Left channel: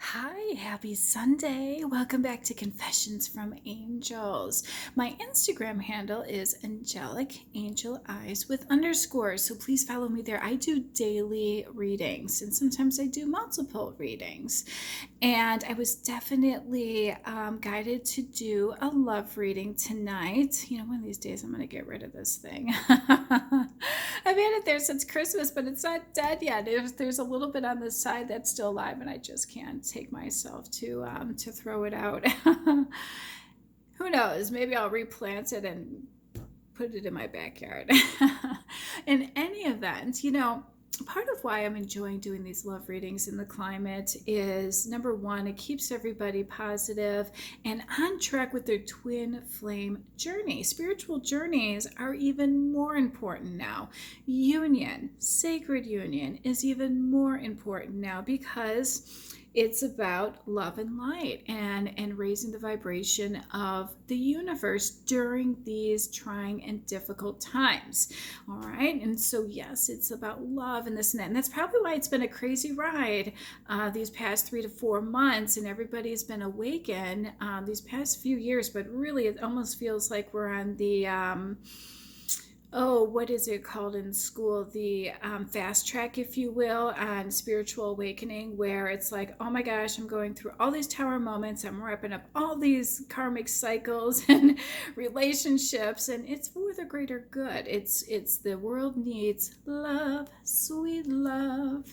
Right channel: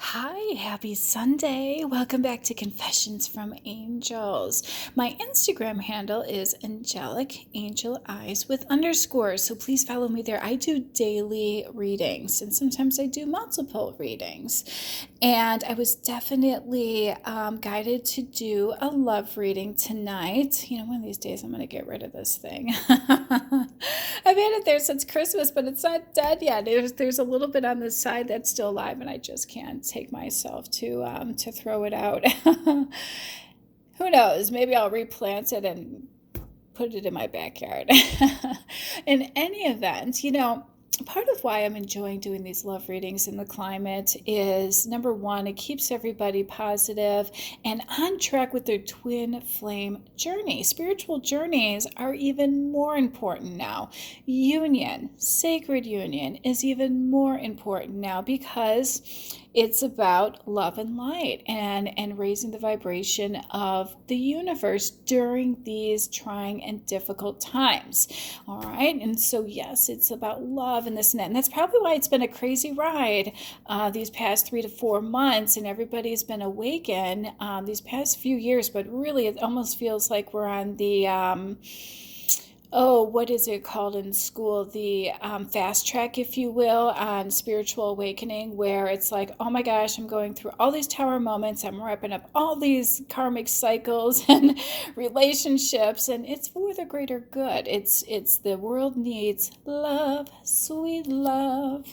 Hi, happy Sunday. Welcome back to Confessions from Angels. My Instagram handle is Angelic Angel Eyes with underscores, so please follow me there. I do daily readings and sometimes I do multiple readings. And I was definitely guided to do a love reading tonight. One of these days I'm going to get rid of this thing. I've had it there since Christmas, but it's not dead yet. There's a little bit on the side that's still alive, and I just can't take myself to throw it out. Who knows? Maybe I'll replant it and put it in my backyard. In any event, part of why I'm enjoying doing these love readings in the climate is, number one, it keeps everybody positive and on track with their twin flame journey. Spiritual journeys are even more important now. Union, sacred union, is even more important now because it's about love and light and raising the vibration of the universe during these trying and difficult times. All right. And so, yes, it's about love and this and that. And that's probably why it's been a crazy ride these past 3 to 4 months. And everybody's been awakened these past few years. But really, it almost feels like we're on the what is it called in school? The fast track, if you will, on spiritual awakening, where it's like, oh my gosh, I'm going through all these tower moments. I'm wrapping up all these karmic cycles and relationships, and it's for the greater good. It's the world needs love, sweet love.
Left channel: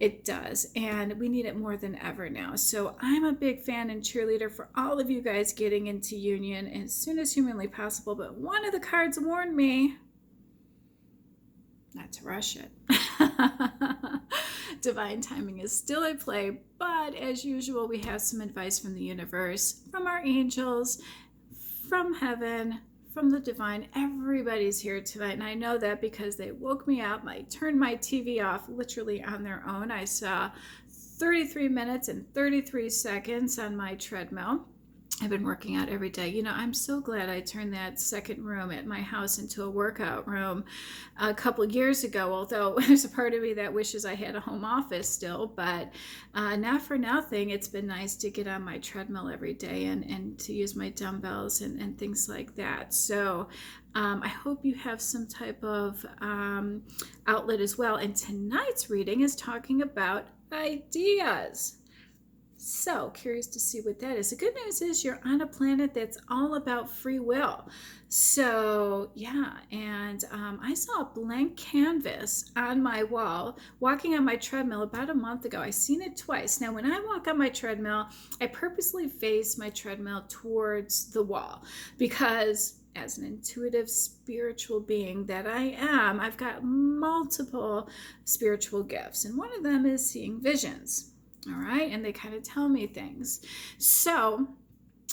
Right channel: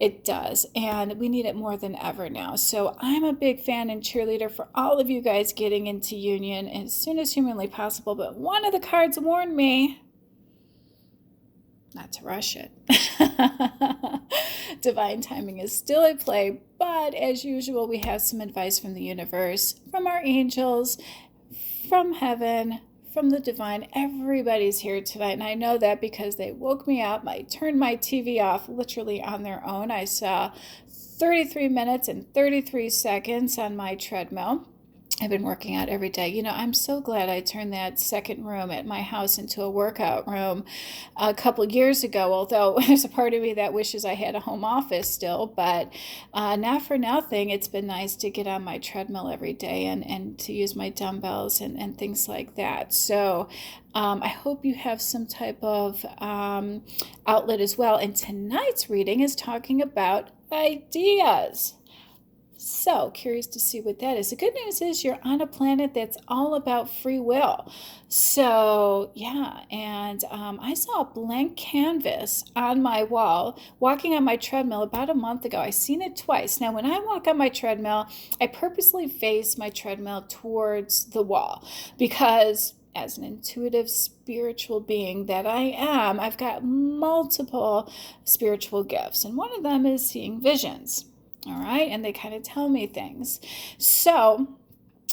It does, and we need it more than ever now. So I'm a big fan and cheerleader for all of you guys getting into union as soon as humanly possible. But one of the cards warned me not to rush it. Divine timing is still at play, but as usual, we have some advice from the universe, from our angels, from heaven, from the divine. Everybody's here tonight, and I know that because they woke me up. I turned my TV off literally on their own. I saw 33 minutes and 33 seconds on my treadmill. I've been working out every day. I'm so glad I turned that second room at my house into a workout room a couple years ago, although there's a part of me that wishes I had a home office still, but not for nothing. It's been nice to get on my treadmill every day and to use my dumbbells and things like that. So I hope you have some type of outlet as well. And tonight's reading is talking about ideas. So curious to see what that is. The good news is you're on a planet that's all about free will. So yeah, and I saw a blank canvas on my wall walking on my treadmill about a month ago. I seen it twice. Now, when I walk on my treadmill, I purposely face my treadmill towards the wall because as an intuitive spiritual being that I am, I've got multiple spiritual gifts, and one of them is seeing visions. All right, and they kind of tell me things. So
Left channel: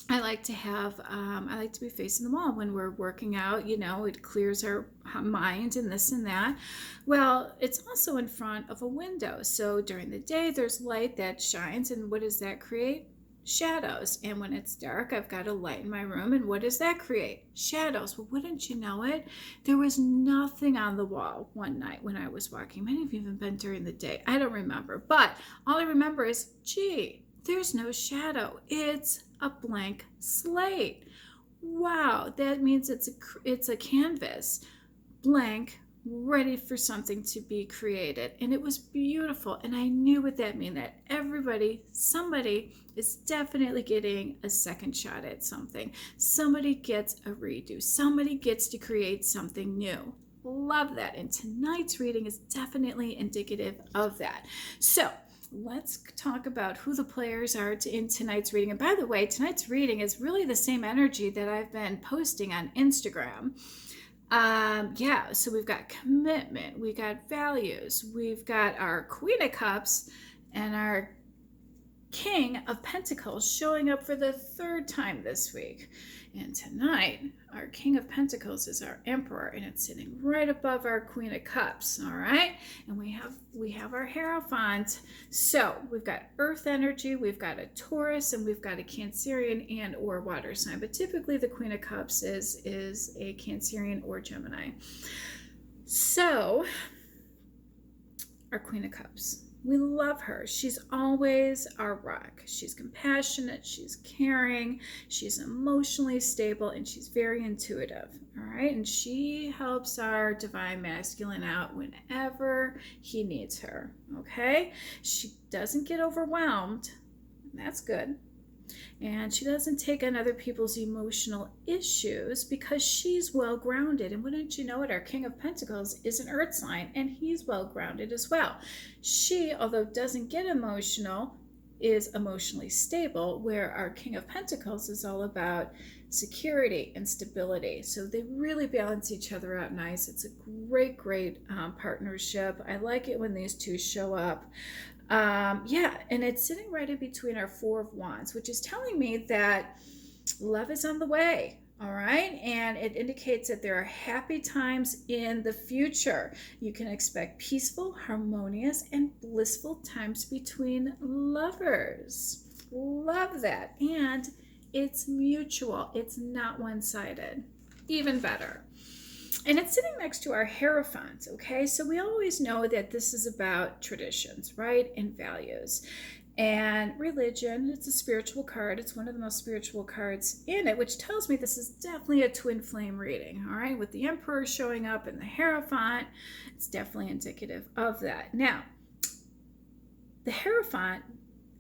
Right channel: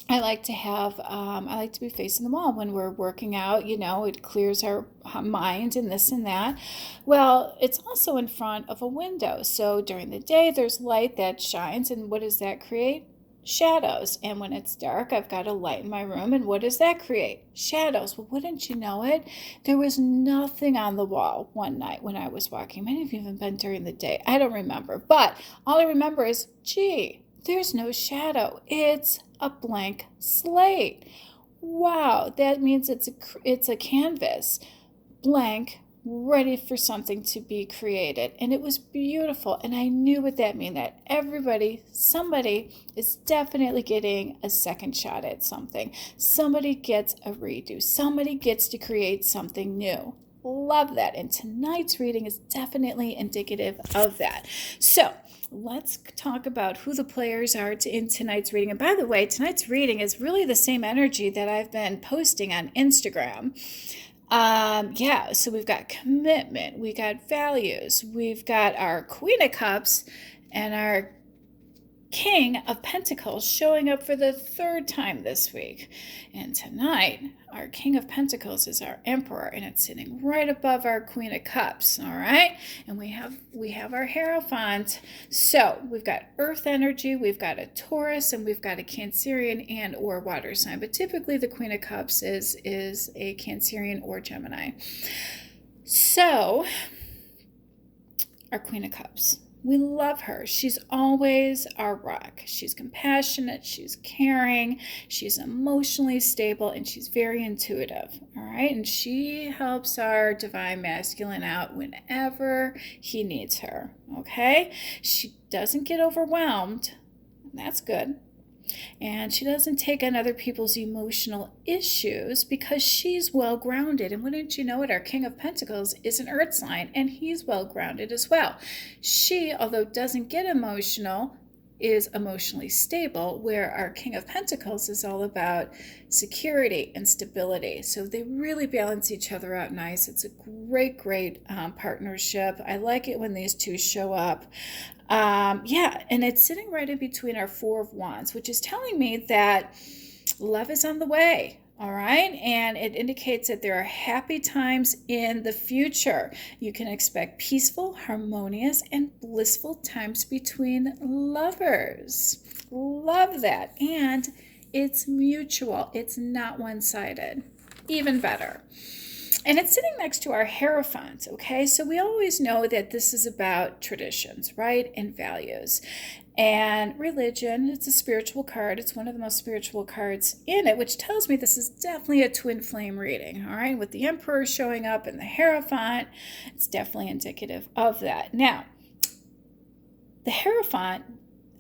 I like to be facing the wall when we're working out. It clears our mind and this and that. Well, it's also in front of a window. So during the day, there's light that shines, and what does that create? Shadows. And when it's dark, I've got a light in my room, and what does that create? Shadows. Well, wouldn't you know it, there was nothing on the wall one night when I was walking. Might have even been during the day. I don't remember, but all I remember is, gee, there's no shadow. It's a blank slate. Wow, that means it's a canvas, blank, ready for something to be created. And it was beautiful. And I knew what that meant, that somebody is definitely getting a second shot at something. Somebody gets a redo. Somebody gets to create something new. Love that. And tonight's reading is definitely indicative of that. So let's talk about who the players are in tonight's reading. And by the way, tonight's reading is really the same energy that I've been posting on Instagram. So we've got commitment, we got values, we've got our Queen of Cups and our King of Pentacles showing up for the third time this week. And tonight, our King of Pentacles is our Emperor, and it's sitting right above our Queen of Cups, all right? And we have our Hierophant. So we've got Earth energy, we've got a Taurus, and we've got a Cancerian and or water sign. But typically the Queen of Cups is a Cancerian or Gemini. So our Queen of Cups. We love her. She's always our rock. She's compassionate, she's caring, she's emotionally stable, and she's very intuitive. All right. And she helps our divine masculine out whenever he needs her. Okay. She doesn't get overwhelmed. That's good. And she doesn't take on other people's emotional issues because she's well grounded. And wouldn't you know it, our King of Pentacles is an earth sign, and he's well grounded as well. She, although doesn't get emotional, is emotionally stable, where our King of Pentacles is all about security and stability. So they really balance each other out nice. It's a great partnership. I like it when these two show up. And it's sitting right in between our Four of Wands, which is telling me that love is on the way. All right. And it indicates that there are happy times in the future. You can expect peaceful, harmonious, and blissful times between lovers. Love that. And it's mutual. It's not one-sided. Even better. And it's sitting next to our Hierophant, okay? So we always know that this is about traditions, right? And values. And religion, it's a spiritual card. It's one of the most spiritual cards in it, which tells me this is definitely a twin flame reading, all right? With the Emperor showing up and the Hierophant, it's definitely indicative of that. Now, the Hierophant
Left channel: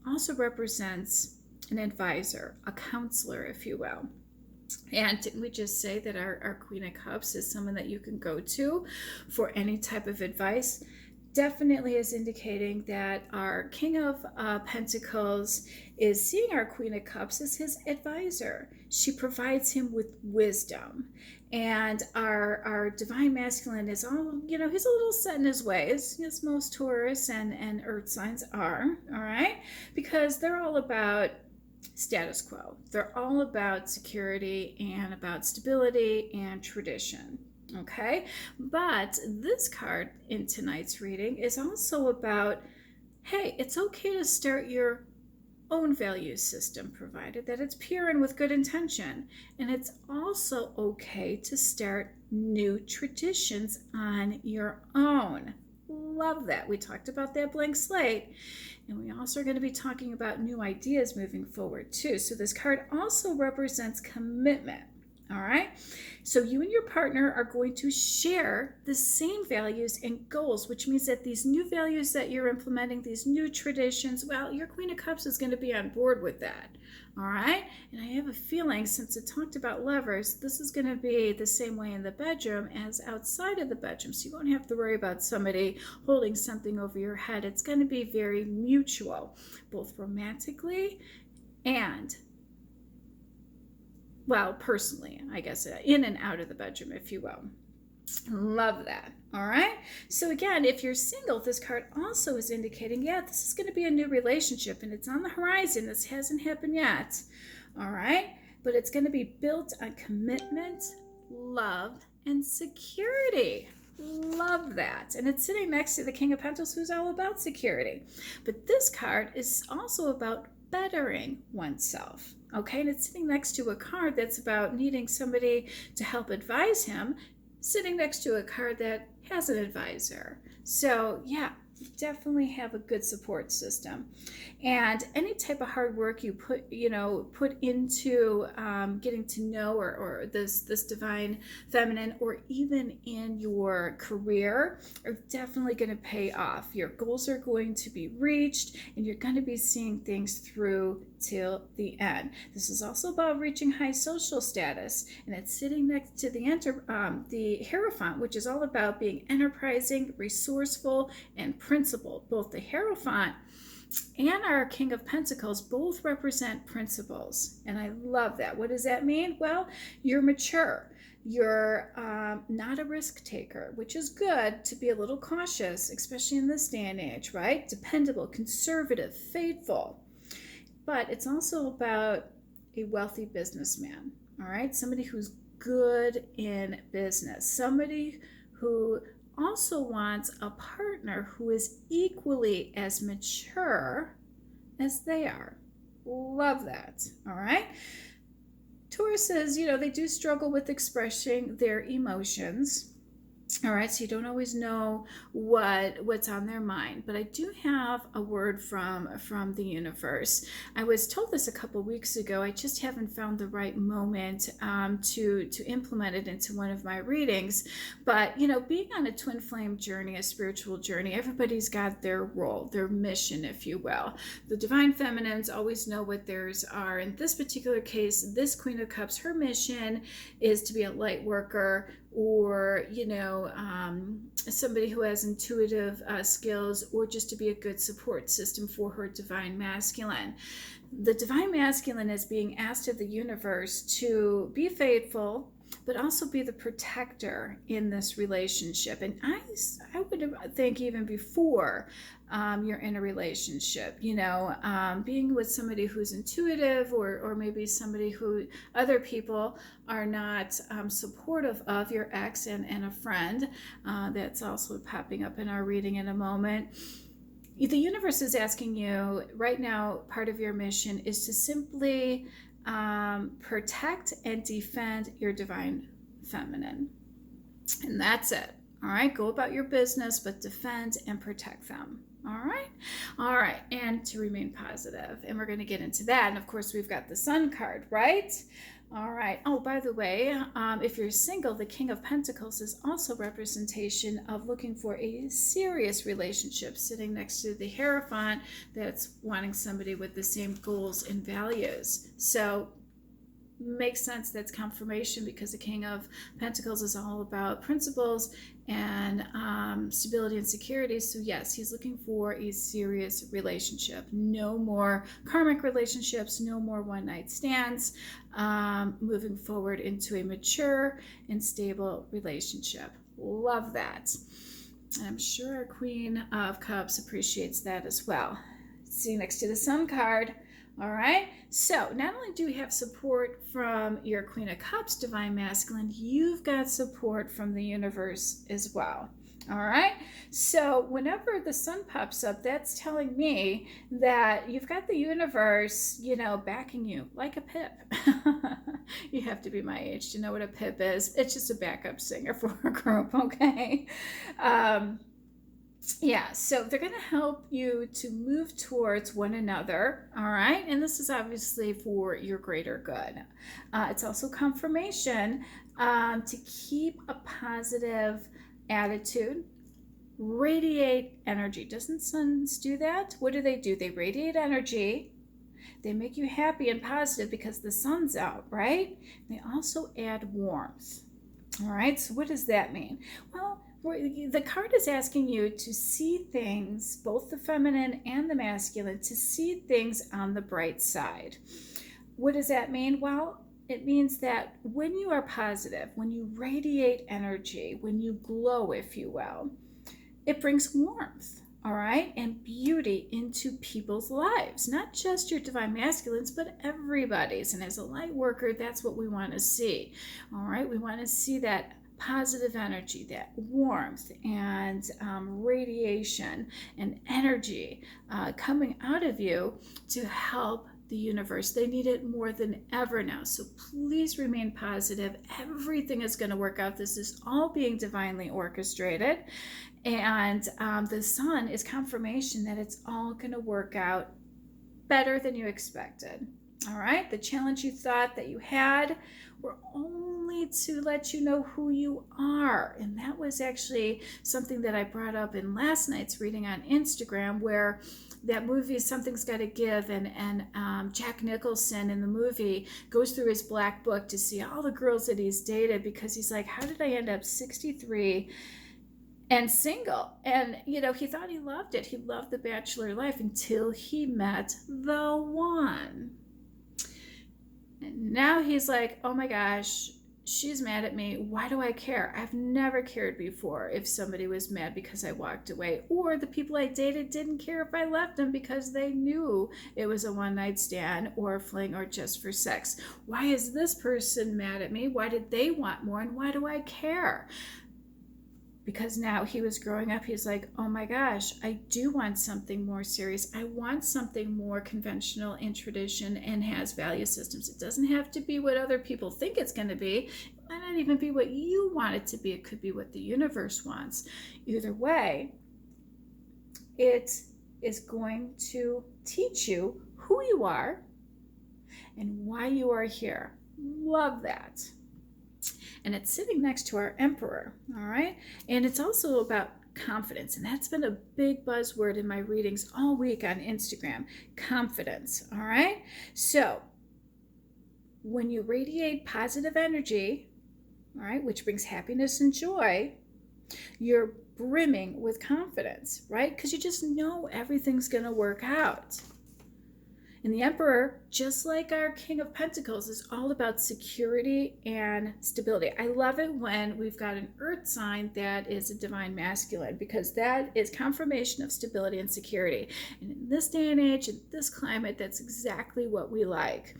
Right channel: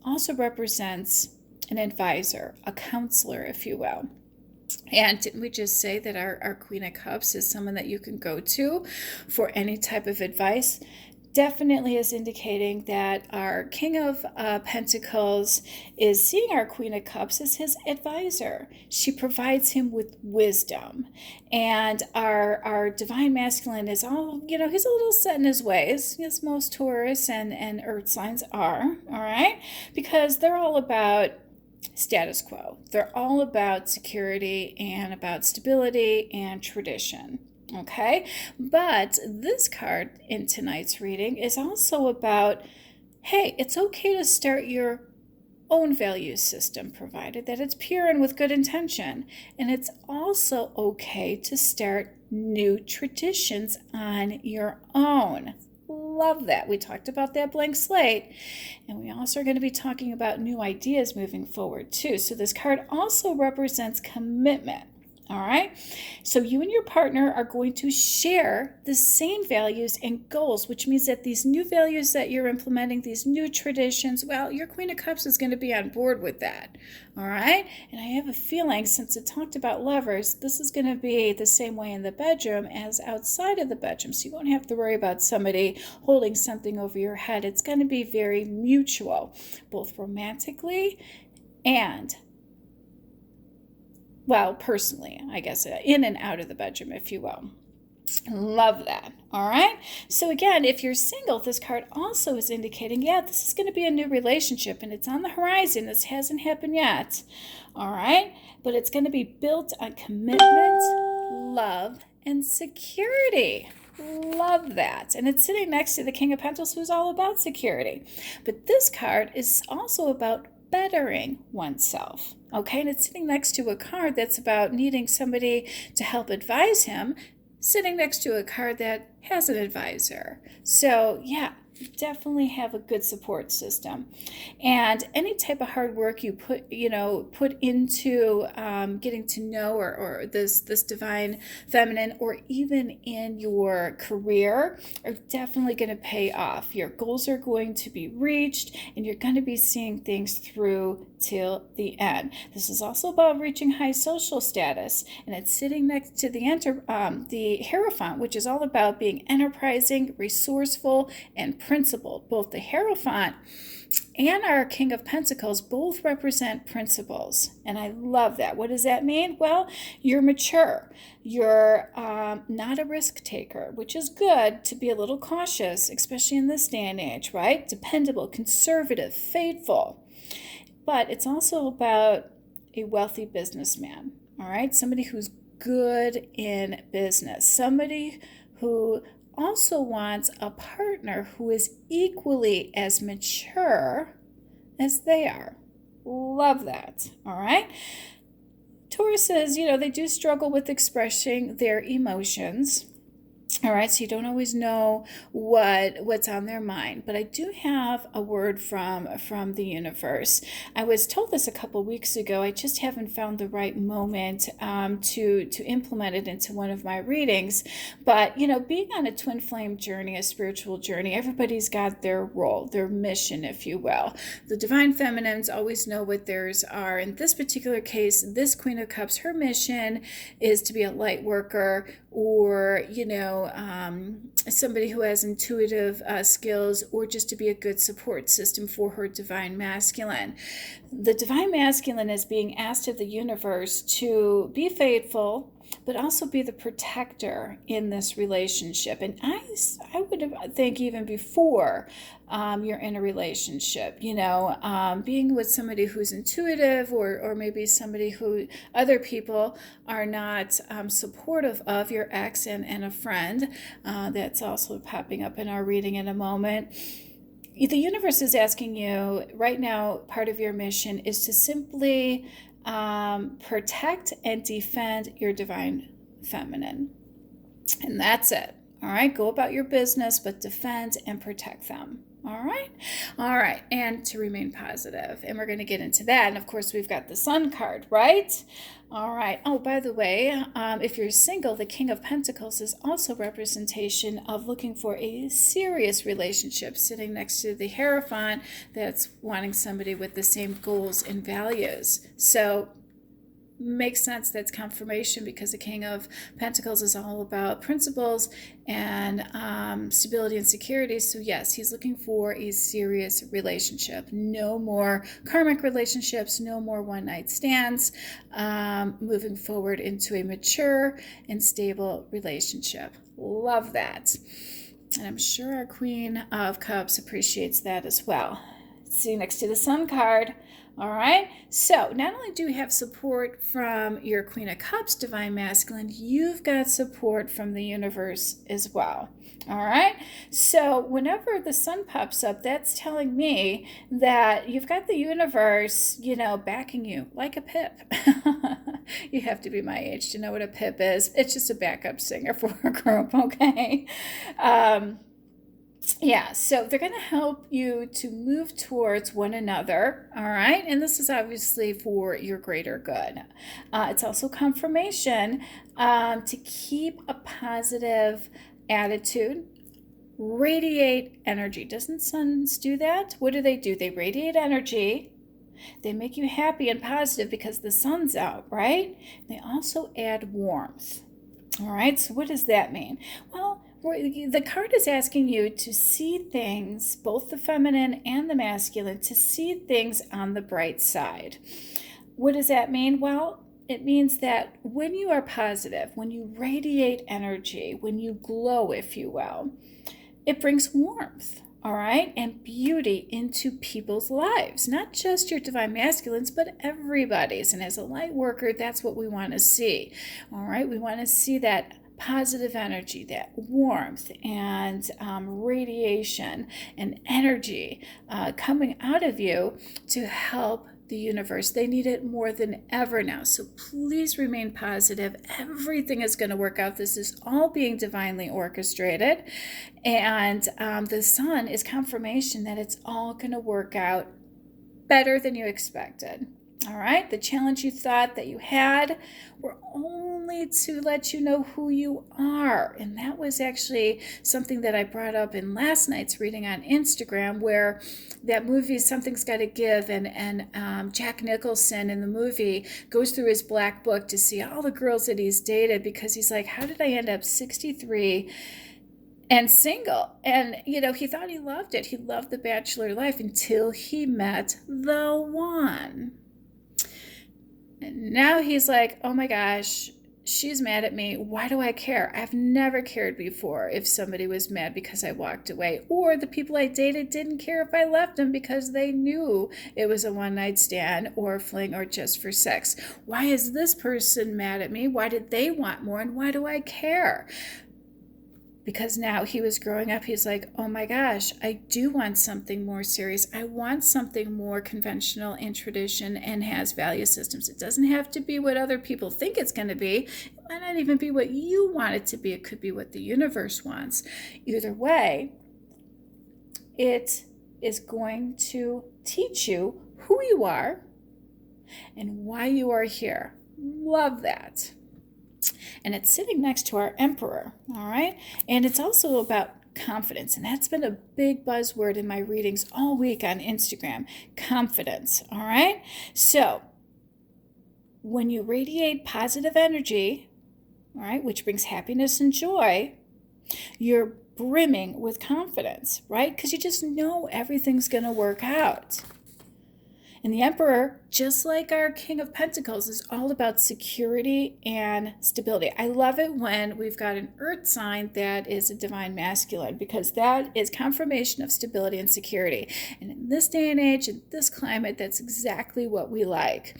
also represents an advisor, a counselor, if you will. And didn't we just say that our Queen of Cups is someone that you can go to for any type of advice? Definitely is indicating that our King of Pentacles is seeing our Queen of Cups as his advisor. She provides him with wisdom. And our Divine Masculine is all, he's a little set in his ways, as most Taurus and Earth signs are, all right? Because they're all about status quo. They're all about security and about stability and tradition. Okay, but this card in tonight's reading is also about, hey, it's okay to start your own value system, provided that it's pure and with good intention. And it's also okay to start new traditions on your own. Love that. We talked about that blank slate, and we also are going to be talking about new ideas moving forward too. So this card also represents commitment. All right. So you and your partner are going to share the same values and goals, which means that these new values that you're implementing, these new traditions, well, your Queen of Cups is going to be on board with that. All right. And I have a feeling, since it talked about lovers, this is going to be the same way in the bedroom as outside of the bedroom. So you won't have to worry about somebody holding something over your head. It's going to be very mutual, both romantically and, well, personally, I guess, in and out of the bedroom, if you will. Love that. All right. So again, if you're single, this card also is indicating, yeah, this is going to be a new relationship and it's on the horizon. This hasn't happened yet. All right. But it's going to be built on commitment, love, and security. Love that. And it's sitting next to the King of Pentacles, who's all about security. But this card is also about bettering oneself. Okay, and it's sitting next to a card that's about needing somebody to help advise him, sitting next to a card that has an advisor. So yeah, definitely have a good support system. And any type of hard work you put into getting to know or this divine feminine, or even in your career, are definitely going to pay off. Your goals are going to be reached, and you're going to be seeing things through till the end. This is also about reaching high social status, and it's sitting next to the Hierophant, which is all about being enterprising, resourceful, and principled. Both the Hierophant and our King of Pentacles both represent principles, and I love that. What does that mean? Well, you're mature. You're not a risk taker, which is good to be a little cautious, especially in this day and age, right? Dependable, conservative, faithful. But it's also about a wealthy businessman, all right? Somebody who's good in business, somebody who also wants a partner who is equally as mature as they are. Love that, all right? Tauruses, they do struggle with expressing their emotions. All right, so you don't always know what's on their mind, but I do have a word from the universe. I was told this a couple weeks ago. I just haven't found the right moment to implement it into one of my readings. But being on a twin flame journey, a spiritual journey, everybody's got their role, their mission, if you will. The divine feminines always know what theirs are. In this particular case, this Queen of Cups, her mission is to be a light worker, or somebody who has intuitive skills, or just to be a good support system for her divine masculine. The divine masculine is being asked of the universe to be faithful, but also be the protector in this relationship. And I would think even before you're in a relationship, being with somebody who's intuitive, or maybe somebody who other people are not supportive of, your ex and a friend. That's also popping up in our reading in a moment. The universe is asking you right now, part of your mission is to simply protect and defend your divine feminine. And that's it. All right, go about your business, but defend and protect them. All right, and to remain positive. And we're going to get into that. And of course, we've got the Sun card, right? All right. Oh, by the way, if you're single, the King of Pentacles is also representation of looking for a serious relationship, sitting next to the Hierophant that's wanting somebody with the same goals and values. So makes sense, that's confirmation, because the King of Pentacles is all about principles and stability and security. So yes, he's looking for a serious relationship. No more karmic relationships, no more one-night stands, moving forward into a mature and stable relationship. Love that. And I'm sure our Queen of Cups appreciates that as well. See, next to the Sun card. All right, so not only do we have support from your Queen of Cups, divine masculine, you've got support from the universe as well. All right, so whenever the Sun pops up, that's telling me that you've got the universe, backing you like a pip. You have to be my age to know what a pip is. It's just a backup singer for a group, okay? Yeah, so they're going to help you to move towards one another, all right? And this is obviously for your greater good. It's also confirmation to keep a positive attitude, radiate energy. Doesn't suns do that? What do? They radiate energy. They make you happy and positive because the sun's out, right? They also add warmth. All right, so what does that mean? Well, the card is asking you to see things, both the feminine and the masculine, to see things on the bright side. What does that mean? Well, it means that when you are positive, when you radiate energy, when you glow, if you will, it brings warmth, all right, and beauty into people's lives, not just your divine masculines, but everybody's. And as a light worker, that's what we want to see, all right? We want to see that positive energy, that warmth and radiation and energy coming out of you to help the universe. They need it more than ever now. So please remain positive. Everything is going to work out. This is all being divinely orchestrated. And the Sun is confirmation that it's all going to work out better than you expected. All right, the challenge you thought that you had were only to let you know who you are. And that was actually something that I brought up in last night's reading on Instagram, where that movie Something's Gotta Give, and Jack Nicholson in the movie goes through his black book to see all the girls that he's dated, because he's like, how did I end up 63 and single? And he thought he loved it. He loved the bachelor life until he met the one. And now he's like, oh my gosh, she's mad at me. Why do I care? I've never cared before if somebody was mad because I walked away, or the people I dated didn't care if I left them because they knew it was a one-night stand or a fling or just for sex. Why is this person mad at me? Why did they want more? And why do I care? because now he was growing up. He's like, oh my gosh, I do want something more serious. I want something more conventional in tradition and has value systems. It doesn't have to be what other people think it's going to be. It might not even be what you want it to be. It could be what the universe wants. Either way, it is going to teach you who you are and why you are here. Love that. And it's sitting next to our emperor, all right? And it's also about confidence, and that's been a big buzzword in my readings all week on Instagram, confidence, all right? So when you radiate positive energy, all right, which brings happiness and joy, you're brimming with confidence, right? Because you just know everything's going to work out. And the Emperor, just like our King of Pentacles, is all about security and stability. I love it when we've got an earth sign that is a divine masculine, because that is confirmation of stability and security. And in this day and age, in this climate, that's exactly what we like.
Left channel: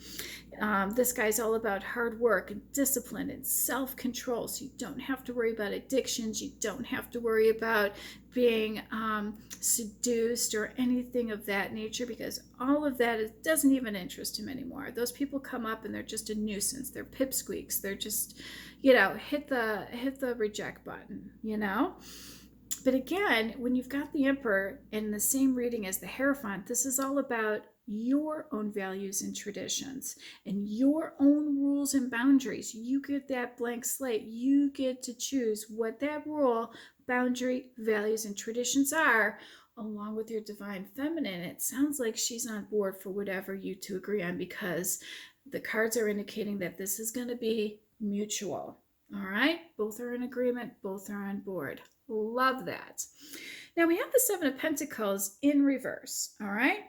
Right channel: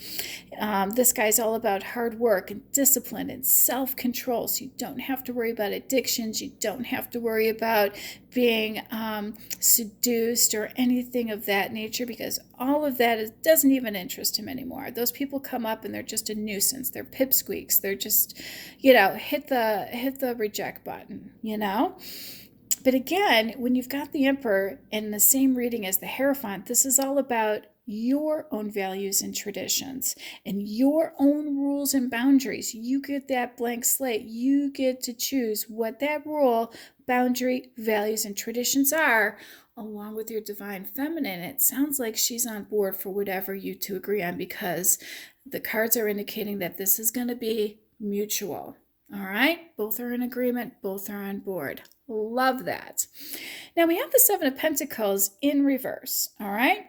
This guy's all about hard work and discipline and self-control. So you don't have to worry about addictions. You don't have to worry about being seduced or anything of that nature, because all of that doesn't even interest him anymore. Those people come up and they're just a nuisance. They're pipsqueaks. They're just, hit the reject button, But again, when you've got the Emperor in the same reading as the Hierophant, this is all about your own values and traditions and your own rules and boundaries. You get that blank slate. You get to choose what that rule, boundary, values, and traditions are, along with your divine feminine. It sounds like she's on board for whatever you two agree on, because the cards are indicating that this is going to be mutual. All right? Both are in agreement. Both are on board. Love that. Now we have the Seven of Pentacles in reverse. All right?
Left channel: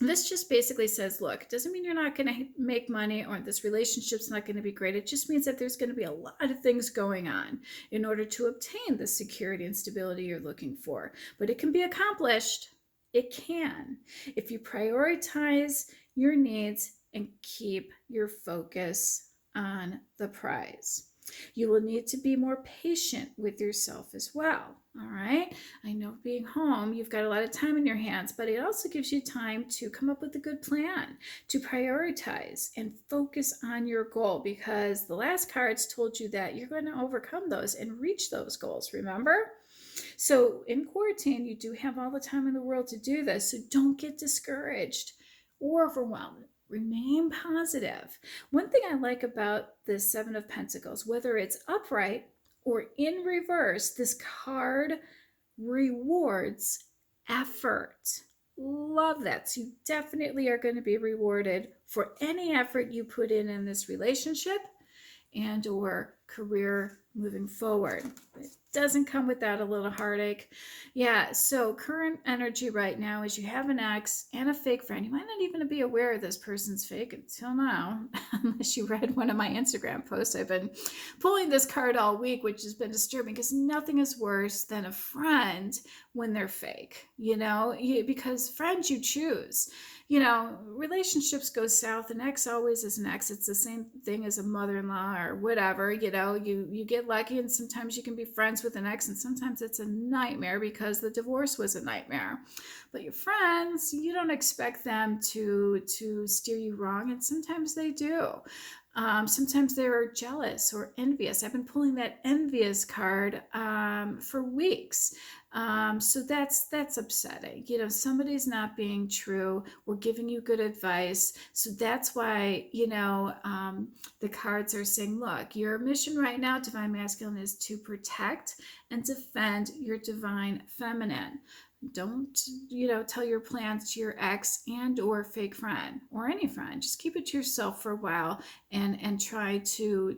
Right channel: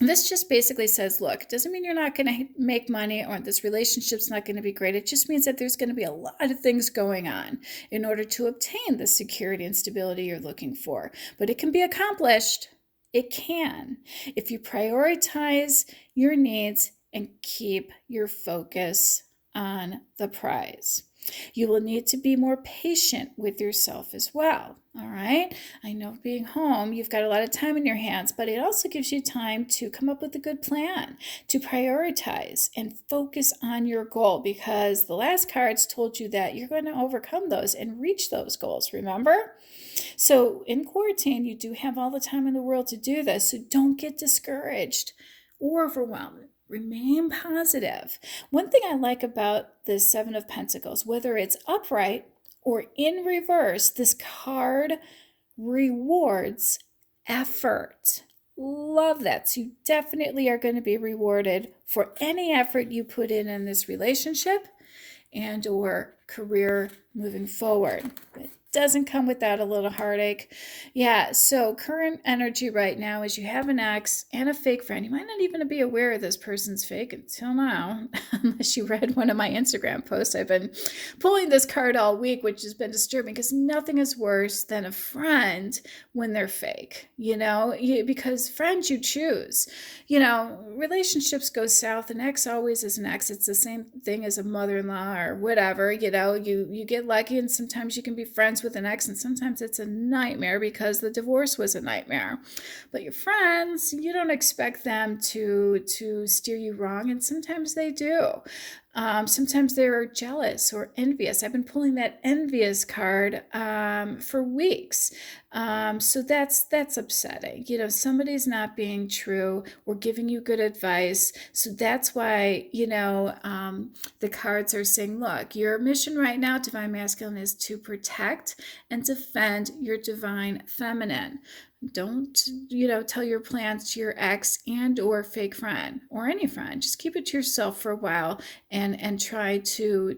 This just basically says, look, it doesn't mean you're not going to make money or this relationship's not going to be great. It just means that there's going to be a lot of things going on in order to obtain the security and stability you're looking for. But it can be accomplished. It can, if you prioritize your needs and keep your focus on the prize. You will need to be more patient with yourself as well. All right. I know being home, you've got a lot of time in your hands, but it also gives you time to come up with a good plan, to prioritize and focus on your goal, because the last cards told you that you're going to overcome those and reach those goals. Remember? So in quarantine, you do have all the time in the world to do this. So don't get discouraged or overwhelmed. Remain positive. One thing I like about the Seven of Pentacles, whether it's upright or in reverse, this card rewards effort. Love that. So you definitely are going to be rewarded for any effort you put in this relationship and or career moving forward. It doesn't come without a little heartache. Yeah, so current energy right now is you have an ex and a fake friend. You might not even be aware of this person's fake until now, unless you read one of my Instagram posts. I've been pulling this card all week, which has been disturbing, because nothing is worse than a friend when they're fake, because friends you choose. Relationships go south. An ex always is an ex. It's the same thing as a mother-in-law or whatever. You get lucky, and sometimes you can be friends with an ex, and sometimes it's a nightmare because the divorce was a nightmare. But your friends, you don't expect them to steer you wrong, and sometimes they do. Sometimes they're jealous or envious. I've been pulling that envious card for weeks. So that's upsetting. Somebody's not being true or giving you good advice. So that's why, the cards are saying, look, your mission right now, Divine Masculine, is to protect and defend your Divine Feminine. Don't, tell your plans to your ex and or fake friend or any friend. Just keep it to yourself for a while and try to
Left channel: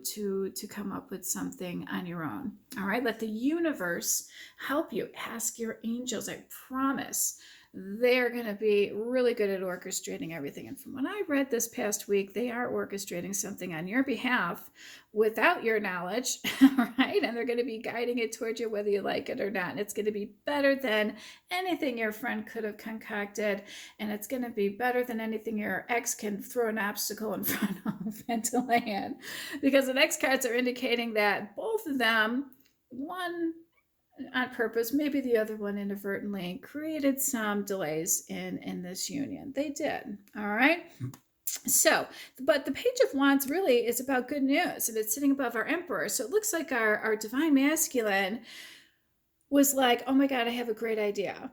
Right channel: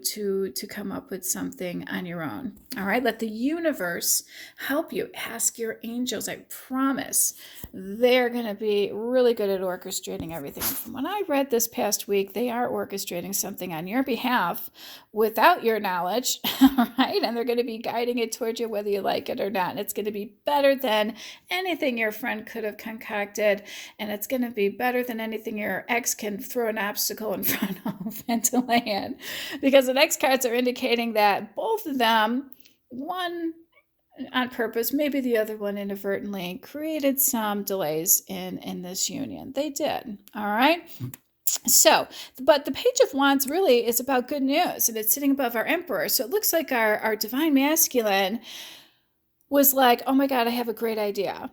come up with something on your own. All right. Let the universe help you. Ask your angels. I promise they're going to be really good at orchestrating everything. From what I read this past week, they are orchestrating something on your behalf without your knowledge, right? And they're going to be guiding it towards you whether you like it or not. And it's going to be better than anything your friend could have concocted, and it's going to be better than anything your ex can throw an obstacle in front of and to land, because the next cards are indicating that both of them, one on purpose. Maybe the other one inadvertently created some delays in this union. They did. All right. So, but the Page of Wands really is about good news, and it's sitting above our Emperor. So it looks like our Divine Masculine was like, oh my God, I have a great idea.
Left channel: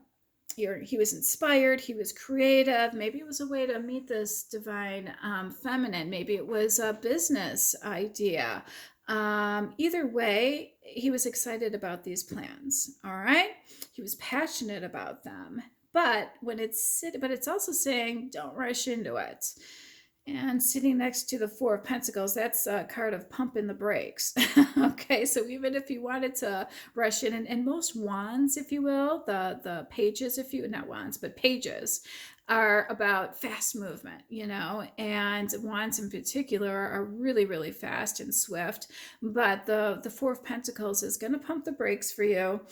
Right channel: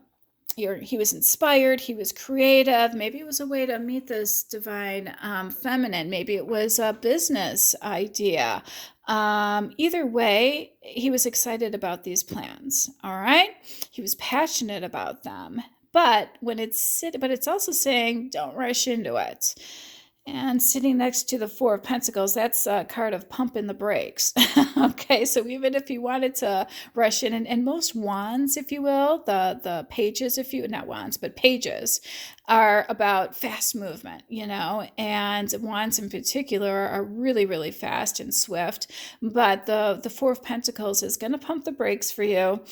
He was inspired, he was creative. Maybe it was a way to meet this Divine Feminine. Maybe it was a business idea. Either way, he was excited about these plans. All right. He was passionate about them. But it's also saying don't rush into it. And sitting next to the Four of Pentacles, that's a card of pumping the brakes. Okay, so even if you wanted to rush in, and most wands, if you will, the pages, not wands, but pages, are about fast movement, and wands in particular are really, really fast and swift. But the Four of Pentacles is going to pump the brakes for you.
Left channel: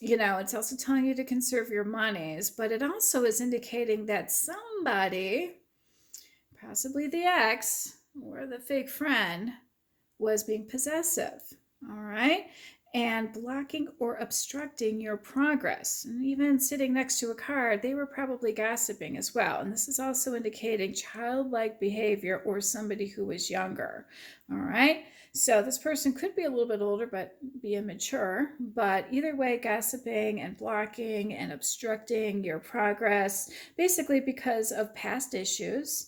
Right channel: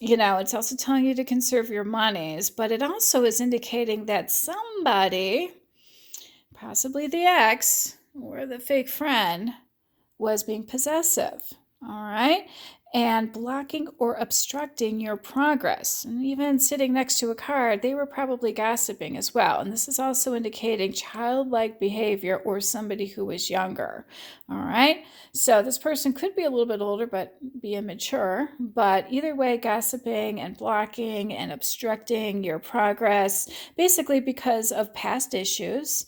It's also telling you to conserve your monies, but it also is indicating that somebody, possibly the ex or the fake friend, was being possessive, all right, and blocking or obstructing your progress. And even sitting next to a card, they were probably gossiping as well. And this is also indicating childlike behavior or somebody who was younger, all right. So this person could be a little bit older, but be immature. But either way, gossiping and blocking and obstructing your progress, basically because of past issues,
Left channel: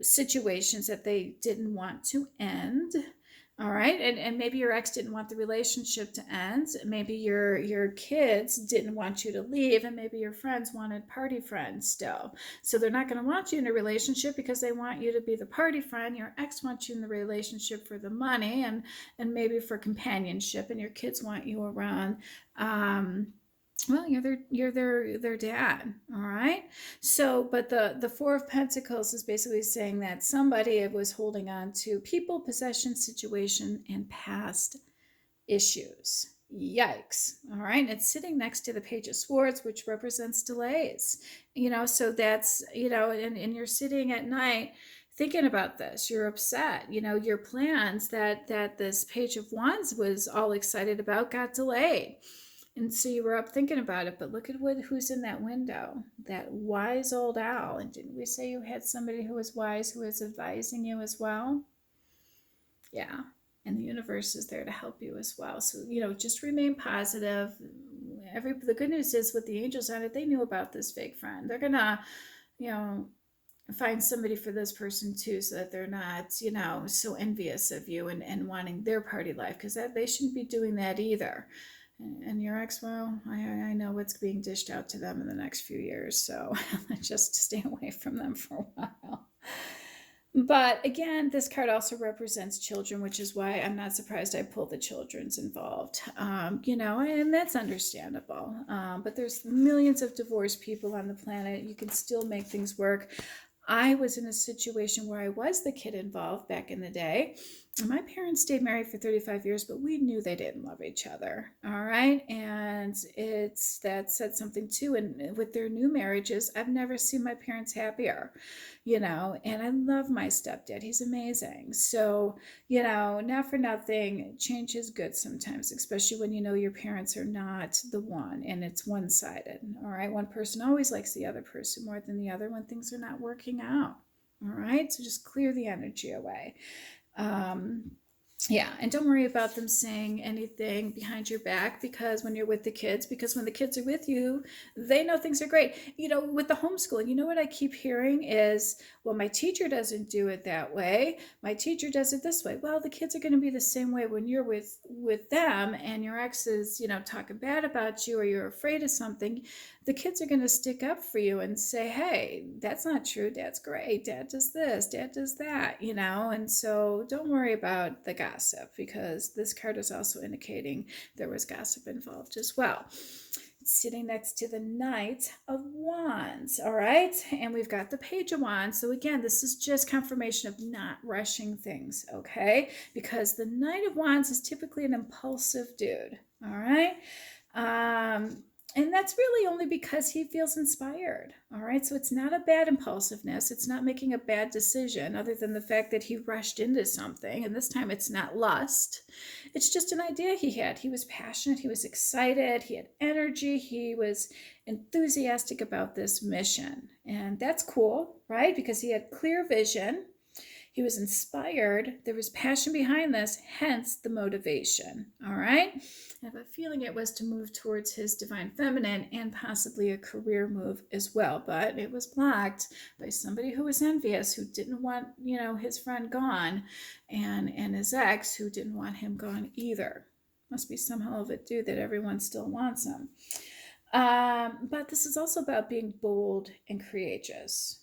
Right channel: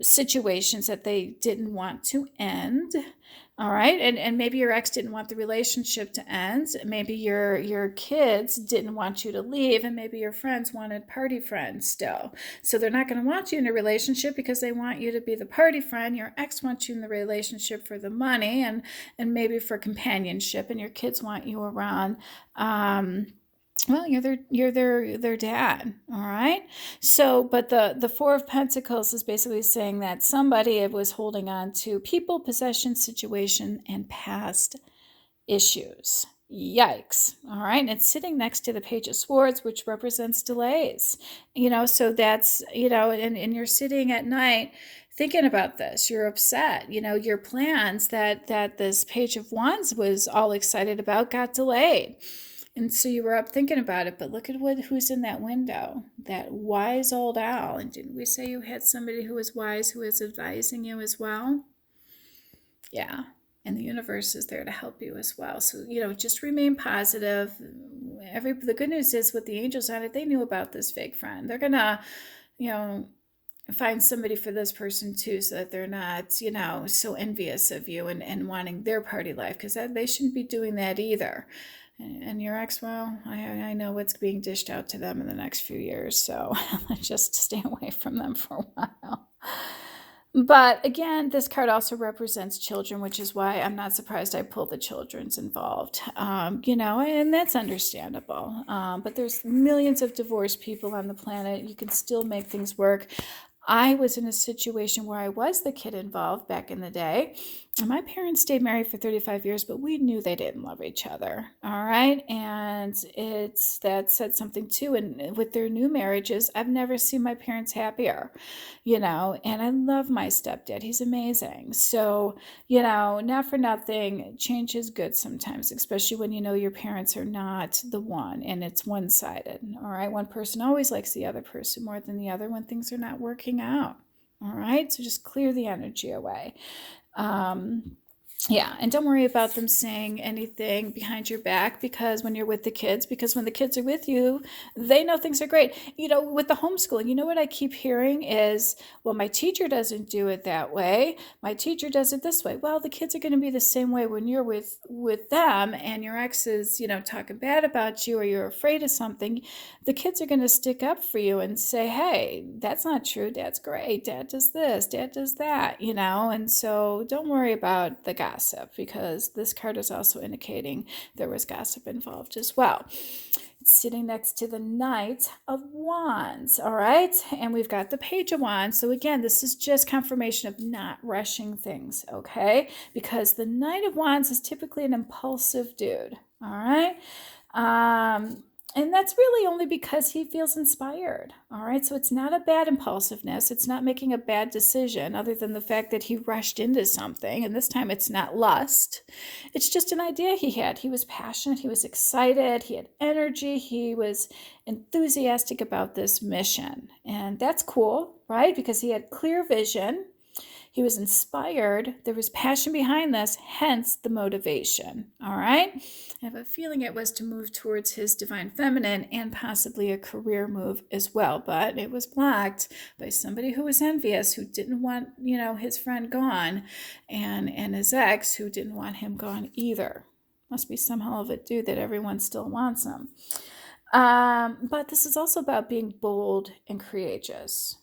situations that they didn't want to end. All right. And maybe your ex didn't want the relationship to end. Maybe your kids didn't want you to leave, and maybe your friends wanted party friends still. So they're not going to want you in a relationship because they want you to be the party friend. Your ex wants you in the relationship for the money and maybe for companionship, and your kids want you around. Well, you're their dad, all right. So, but the Four of Pentacles is basically saying that somebody was holding on to people, possession, situation, and past issues. Yikes. All right. And it's sitting next to the Page of Swords, which represents delays. So that's, and you're sitting at night thinking about this. You're upset. Your plans that this Page of Wands was all excited about got delayed. And so you were up thinking about it, but look at who's in that window, that wise old owl. And didn't we say you had somebody who was wise, who was advising you as well? Yeah. And the universe is there to help you as well. So, just remain positive. The good news is with the angels on it, they knew about this fake friend. They're going to, find somebody for this person too, so that they're not, so envious of you and wanting their party life, because they shouldn't be doing that either. And your ex, well, I know what's being dished out to them in the next few years, so just stay away from them for a while. But again, this card also represents children, which is why I'm not surprised I pulled the children's involved, and that's understandable. But there's millions of divorced people on the planet. You can still make things work. I was in a situation where I was the kid involved back in the day. My parents stayed married for 35 years, but we knew they didn't love each other. All right. And that said something too. And with their new marriages, I've never seen my parents happier, and I love my stepdad. He's amazing. So, not for nothing, change is good sometimes, especially when your parents are not the one and it's one-sided. All right. One person always likes the other person more than the other when things are not working out. All right. So just clear the energy away. Yeah, and don't worry about them saying anything behind your back, because when you're with the kids, because when the kids are with you, they know things are great. With the homeschooling, what I keep hearing is, well, my teacher doesn't do it that way. My teacher does it this way. Well, the kids are going to be the same way when you're with them, and your ex is, talking bad about you, or you're afraid of something. The kids are going to stick up for you and say, hey, that's not true. Dad's great. Dad does this. Dad does that, and so don't worry about the gossip, because this card is also indicating there was gossip involved as well. It's sitting next to the Knight of Wands, all right? And we've got the Page of Wands. So again, this is just confirmation of not rushing things, okay? Because the Knight of Wands is typically an impulsive dude, all right? And that's really only because he feels inspired. All right. So it's not a bad impulsiveness. It's not making a bad decision, other than the fact that he rushed into something. And this time it's not lust. It's just an idea he had. He was passionate. He was excited. He had energy. He was enthusiastic about this mission. And that's cool, right? Because he had clear vision. He was inspired. There was passion behind this, hence the motivation. All right. I have a feeling it was to move towards his divine feminine and possibly a career move as well. But it was blocked by somebody who was envious, who didn't want, his friend gone, and his ex, who didn't want him gone either. Must be some hell of a dude that everyone still wants him. But this is also about being bold and courageous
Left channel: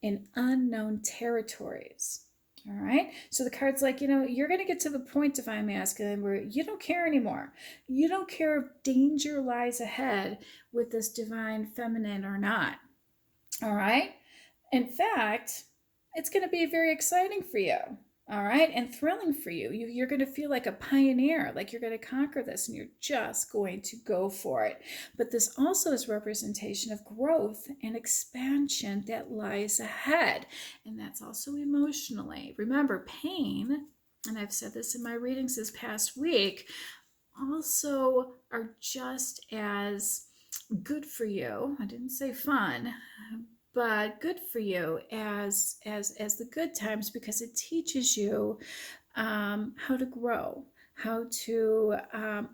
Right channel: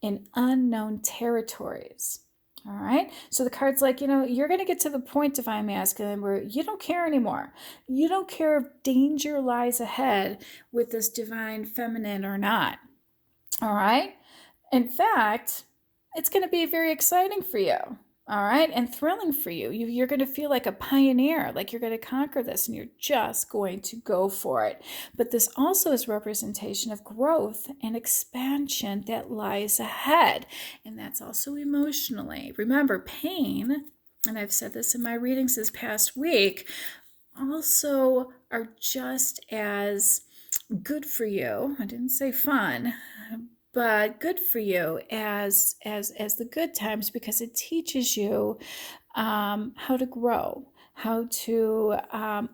in unknown territories. All right. So the card's like, you're going to get to the point, Divine Masculine, where you don't care anymore. You don't care if danger lies ahead with this Divine Feminine or not. All right. In fact, it's going to be very exciting for you. All right. And thrilling for you. You're going to feel like a pioneer, like you're going to conquer this, and you're just going to go for it. But this also is representation of growth and expansion that lies ahead. And that's also emotionally. Remember, pain, and I've said this in my readings this past week, also are just as good for you. I didn't say fun, but good for you as the good times, because it teaches you how to grow, how to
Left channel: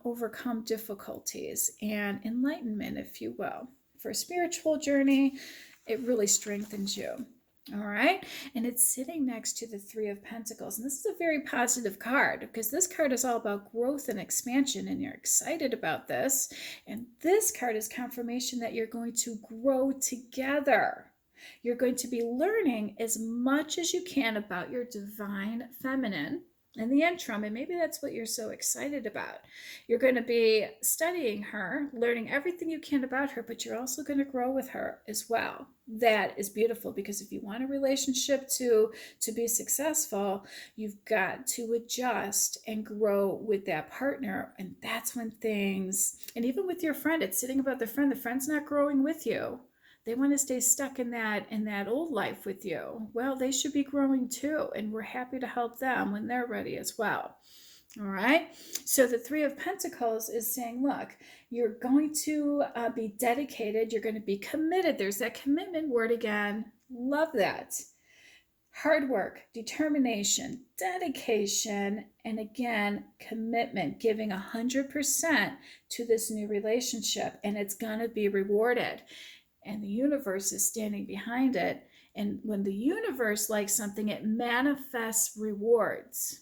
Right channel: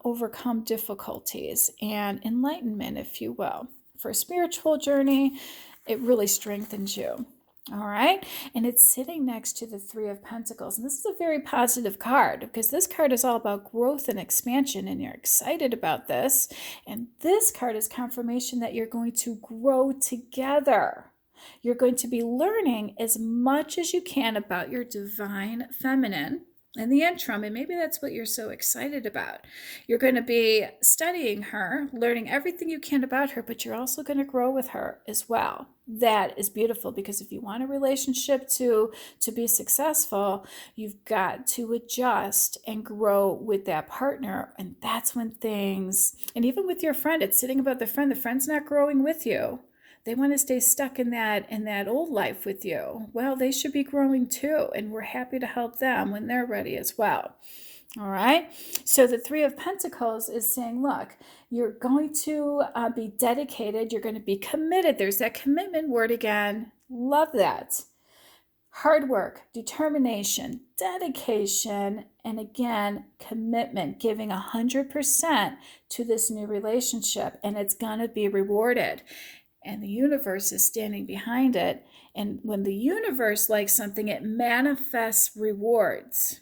overcome difficulties, and enlightenment, if you will. For a spiritual journey, it really strengthens you. All right. And it's sitting next to the Three of Pentacles. And this is a very positive card, because this card is all about growth and expansion, and you're excited about this. And this card is confirmation that you're going to grow together. You're going to be learning as much as you can about your Divine Feminine in the interim, and maybe that's what you're so excited about. You're going to be studying her, learning everything you can about her, but you're also going to grow with her as well. That is beautiful, because if you want a relationship to be successful, you've got to adjust and grow with that partner. And that's when things, and even with your friend, it's sitting about the friend's not growing with you. They want to stay stuck in that old life with you. Well, they should be growing too, and we're happy to help them when they're ready as well. All right. So the Three of Pentacles is saying, look, you're going to be dedicated. You're going to be committed. There's that commitment word again. Love that. Hard work, determination, dedication, and again, commitment, giving 100% to this new relationship, and it's going to be rewarded. And the universe is standing behind it. And when the universe likes something, it manifests rewards.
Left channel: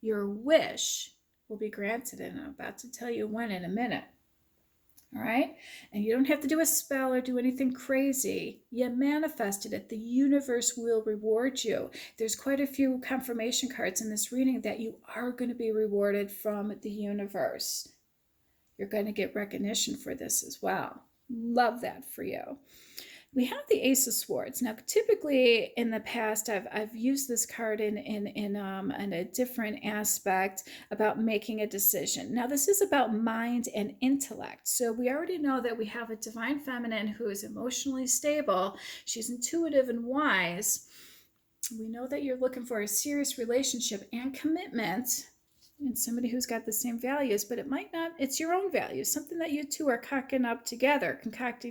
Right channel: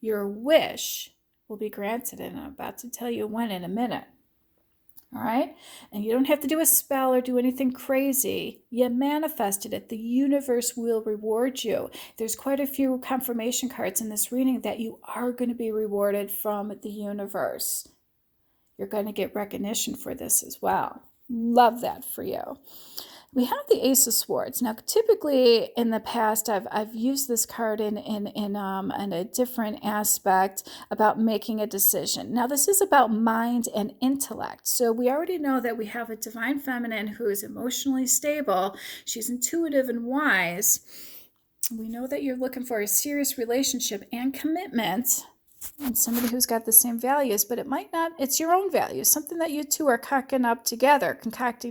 Your wish will be granted, and I'm about to tell you when in a minute. All right? And you don't have to do a spell or do anything crazy. You manifested it. The universe will reward you. There's quite a few confirmation cards in this reading that you are going to be rewarded from the universe. You're going to get recognition for this as well. Love that for you. We have the Ace of Swords. Now, typically in the past, I've used this card in a different aspect about making a decision. Now, this is about mind and intellect. So we already know that we have a Divine Feminine who is emotionally stable. She's intuitive and wise. We know that you're looking for a serious relationship and commitment, and somebody who's got the same values, but it might not, it's your own values, something that you two are concocting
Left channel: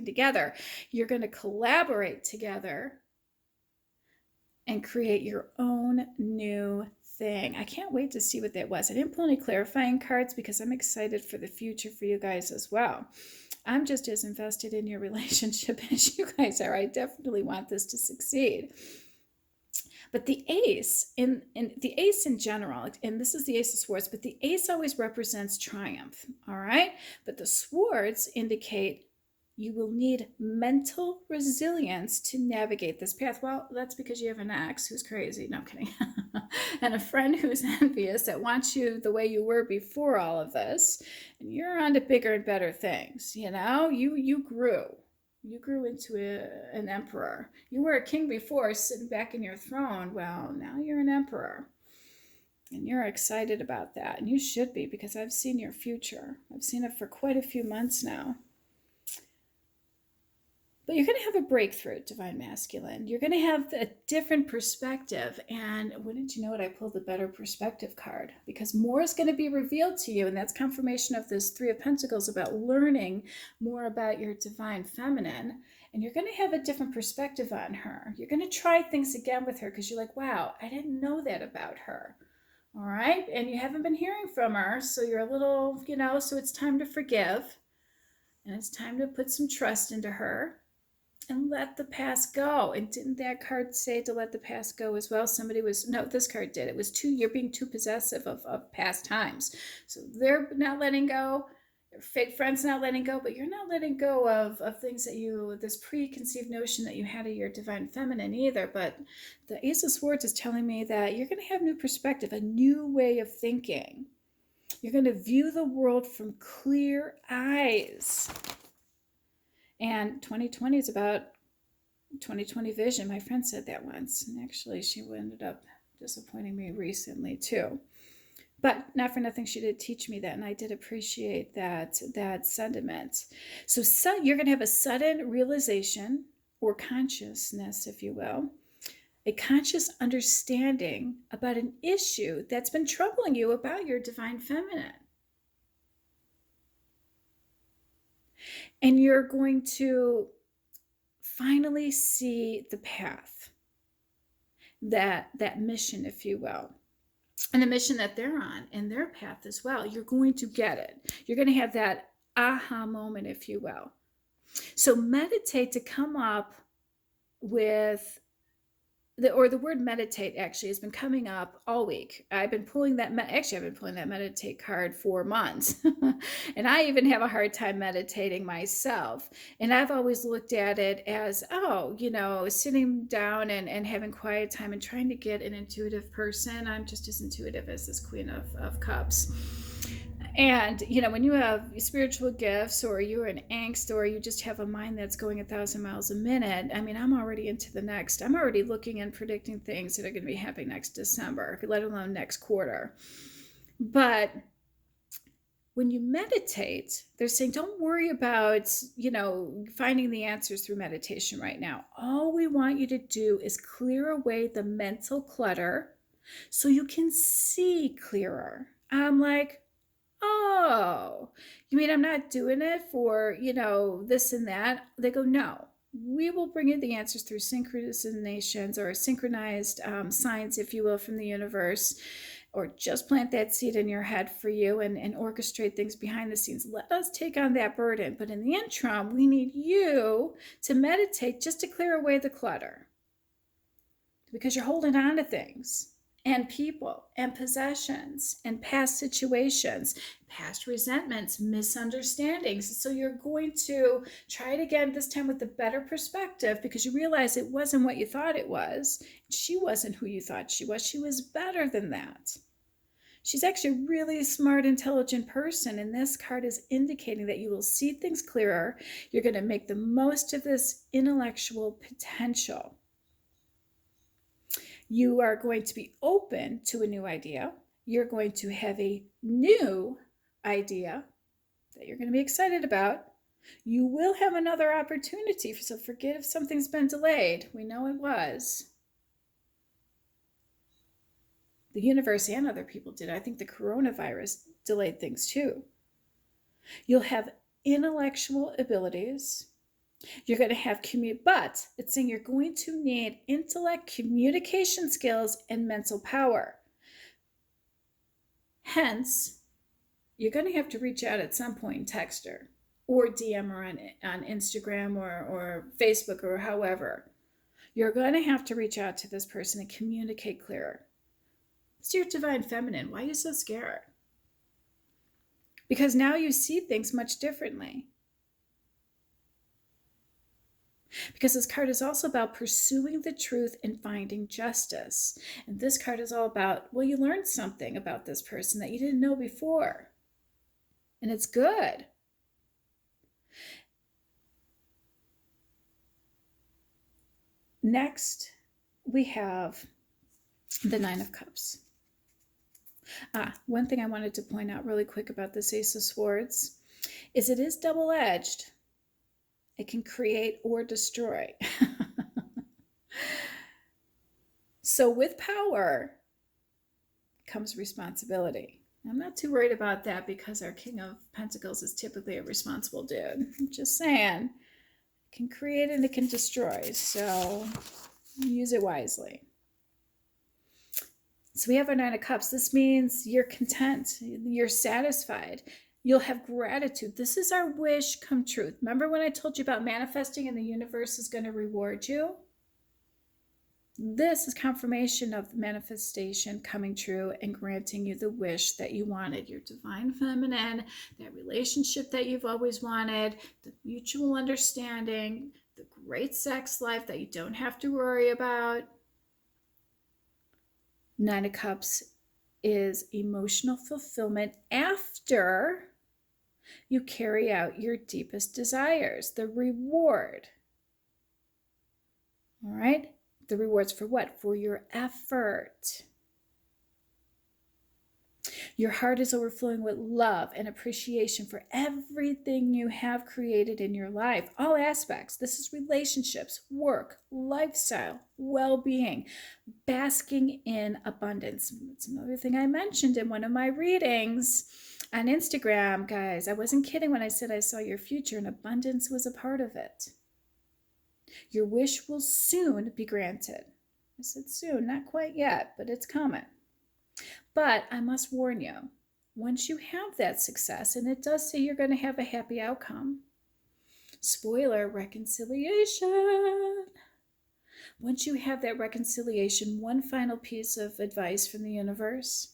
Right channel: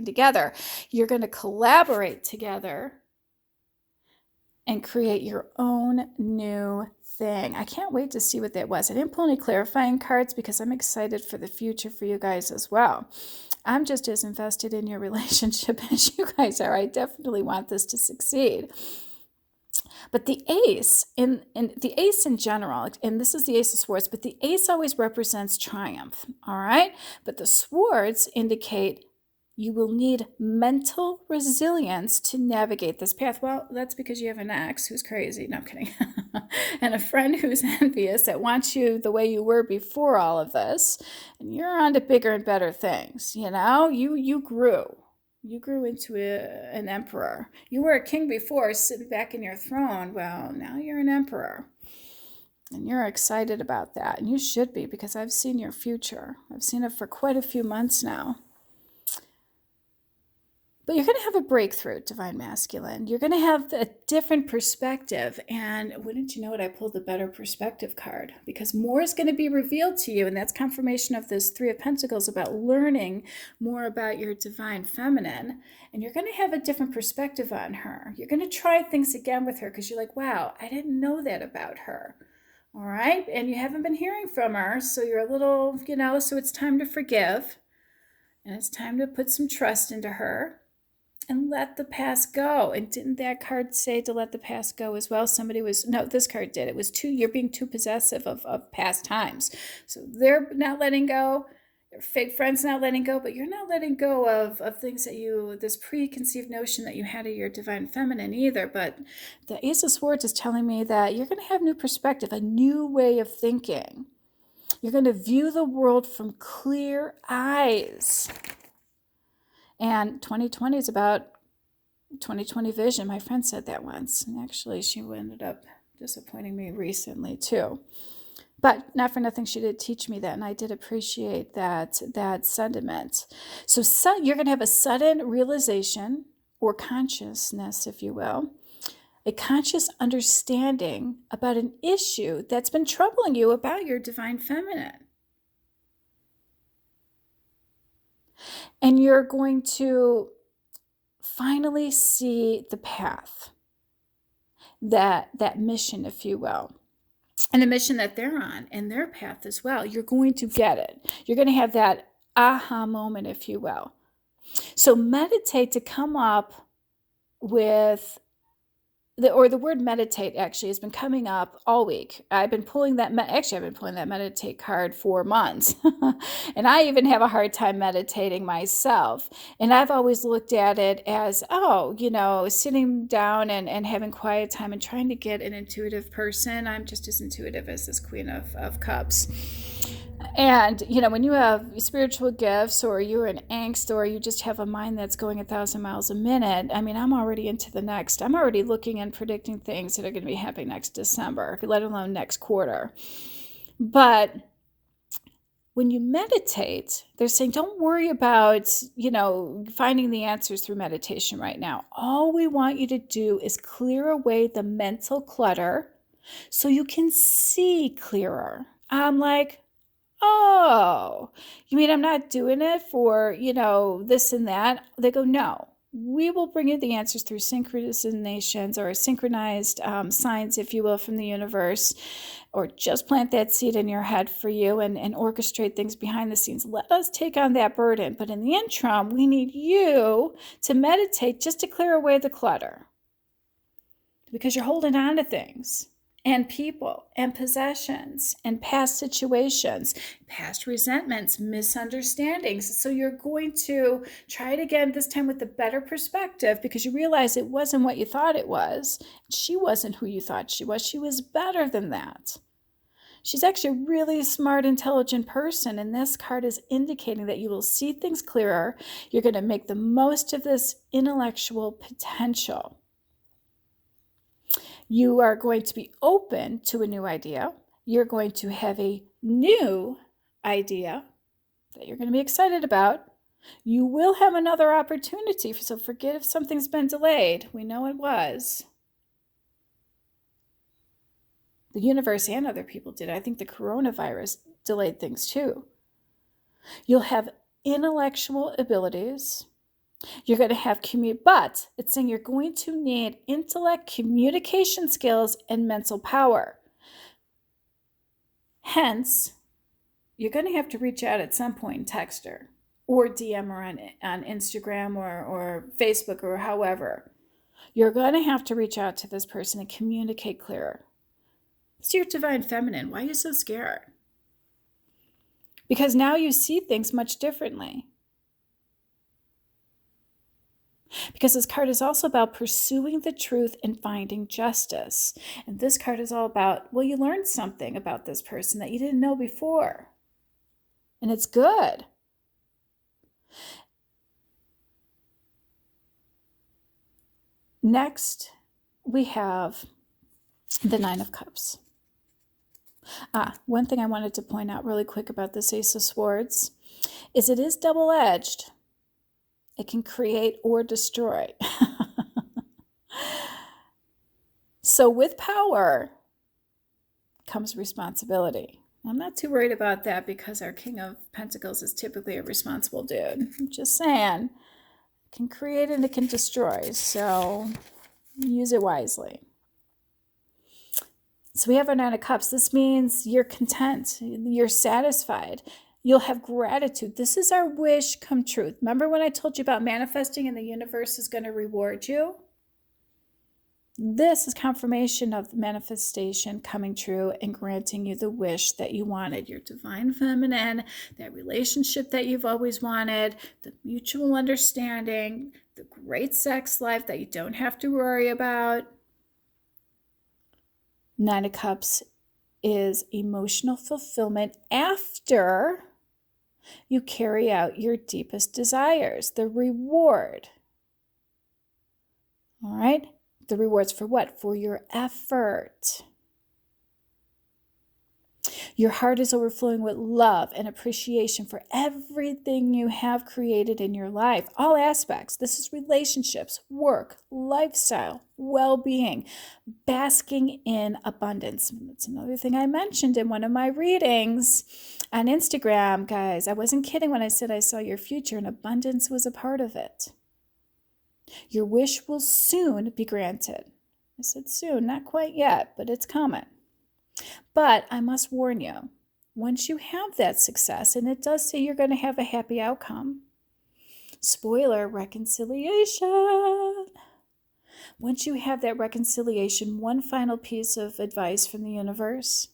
together. You're going to collaborate together and create your own new thing. I can't wait to see what that was. I didn't pull any clarifying cards because I'm excited for the future for you guys as well. I'm just as invested in your relationship as you guys are. I definitely want this to succeed. But the ace, in the ace in general, and this is the Ace of Swords, but the ace always represents triumph, all right? But the swords indicate you will need mental resilience to navigate this path. Well, that's because you have an ex who's crazy. No, I'm kidding. And a friend who's envious that wants you the way you were before all of this. And you're on to bigger and better things, you know? You grew. You grew into an emperor. You were a king before, sitting back in your throne. Well, now you're an emperor. And you're excited about that. And you should be, because I've seen your future. I've seen it for quite a few months now. But you're going to have a breakthrough, Divine Masculine. You're going to have a different perspective. And wouldn't you know it, I pulled the Better Perspective card, because more is going to be revealed to you. And that's confirmation of this Three of Pentacles about learning more about your Divine Feminine. And you're going to have a different perspective on her. You're going to try things again with her because you're like, wow, I didn't know that about her. All right. And you haven't been hearing from her. So you're a little, so it's time to forgive. And it's time to put some trust into her. And let the past go. And didn't that card say to let the past go as well? This card did. It was you're being too possessive of past times. So they're not letting go. Your fake friend's not letting go, but you're not letting go of things that this preconceived notion that you had of your Divine Feminine either. But the Ace of Swords is telling me that you're going to have new perspective, a new way of thinking. You're going to view the world from clear eyes. And 2020 is about 2020 vision. My friend said that once. And actually, she ended up disappointing me recently, too. But not for nothing, she did teach me that. And I did appreciate that sentiment. So you're going to have a sudden realization or consciousness, if you will. A conscious understanding about an issue that's been troubling you about your Divine Feminine. And you're going to finally see the path, that mission, if you will, and the mission that they're on and their path as well. You're going to get it. You're going to have that aha moment, if you will. So meditate to come up with the word meditate actually has been coming up all week. I've been pulling that meditate card for months. And I even have a hard time meditating myself. And I've always looked at it as, sitting down and having quiet time and trying to get an intuitive person. I'm just as intuitive as this Queen of Cups. And, when you have spiritual gifts or you're in angst or you just have a mind that's going 1,000 miles a minute, I'm already into the next. I'm already looking and predicting things that are going to be happening next December, let alone next quarter. But when you meditate, they're saying, don't worry about, finding the answers through meditation right now. All we want you to do is clear away the mental clutter so you can see clearer. I'm like, oh, you mean I'm not doing it for, this and that? They go, no, we will bring you the answers through synchronizations or synchronized signs, if you will, from the universe, or just plant that seed in your head for you and orchestrate things behind the scenes. Let us take on that burden. But in the interim, we need you to meditate just to clear away the clutter, because you're holding on to things. And people and possessions and past situations, past resentments, misunderstandings. So you're going to try it again, this time with a better perspective, because you realize it wasn't what you thought it was. She wasn't who you thought she was. She was better than that. She's actually a really smart, intelligent person. And this card is indicating that you will see things clearer. You're going to make the most of this intellectual potential. You are going to be open to a new idea. You're going to have a new idea that you're going to be excited about. You will have another opportunity. So forget if something's been delayed. We know it was. The universe and other people did. I think the coronavirus delayed things too. You'll have intellectual abilities. You're going to have but it's saying you're going to need intellect, communication skills, and mental power. Hence, you're going to have to reach out at some point and text her or DM her on Instagram or Facebook or however. You're going to have to reach out to this person and communicate clearer. It's your Divine Feminine. Why are you so scared? Because now you see things much differently. Because this card is also about pursuing the truth and finding justice. And this card is all about, you learned something about this person that you didn't know before. And it's good. Next, we have the Nine of Cups. One thing I wanted to point out really quick about this Ace of Swords is it is double-edged. It can create or destroy. So with power comes responsibility. I'm not too worried about that because our King of Pentacles is typically a responsible dude. I'm just saying, it can create and it can destroy. So use it wisely. So we have our Nine of Cups. This means you're content. You're satisfied. You'll have gratitude. This is our wish come true. Remember when I told you about manifesting and the universe is going to reward you? This is confirmation of the manifestation coming true and granting you the wish that you wanted. Your divine feminine, that relationship that you've always wanted, the mutual understanding, the great sex life that you don't have to worry about. Nine of Cups is emotional fulfillment after you carry out your deepest desires, the reward. All right? The rewards for what? For your effort. Your heart is overflowing with love and appreciation for everything you have created in your life, all aspects. This is relationships, work, lifestyle, well-being, basking in abundance. It's another thing I mentioned in one of my readings on Instagram, guys. I wasn't kidding when I said I saw your future, and abundance was a part of it. Your wish will soon be granted. I said soon, not quite yet, but it's coming. But I must warn you, once you have that success, and it does say you're going to have a happy outcome, spoiler, reconciliation. Once you have that reconciliation, one final piece of advice from the universe,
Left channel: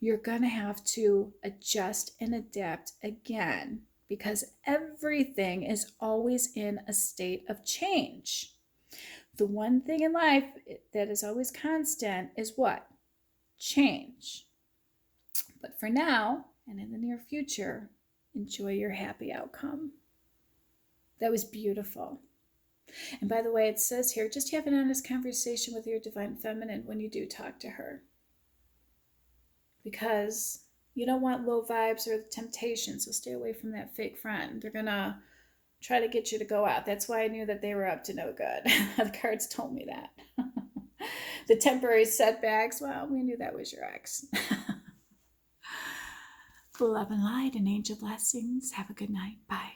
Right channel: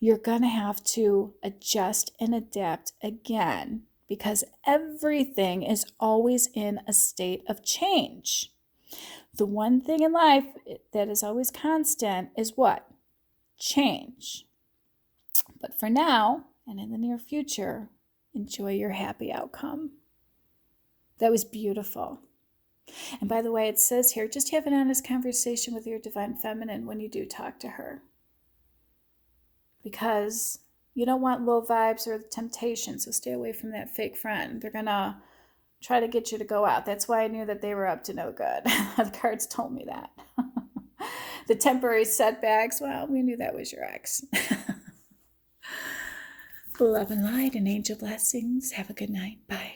you're going to have to adjust and adapt again, because everything is always in a state of change. The one thing in life that is always constant is what? Change. But for now, and in the near future, enjoy your happy outcome. That was beautiful. And by the way, it says here, just have an honest conversation with your divine feminine when you do talk to her. Because you don't want low vibes or temptation, so stay away from that fake friend. They're going to try to get you to go out. That's why I knew that they were up to no good. The cards told me that. The temporary setbacks, well, we knew that was your ex. Love and light and angel blessings. Have a good night. Bye.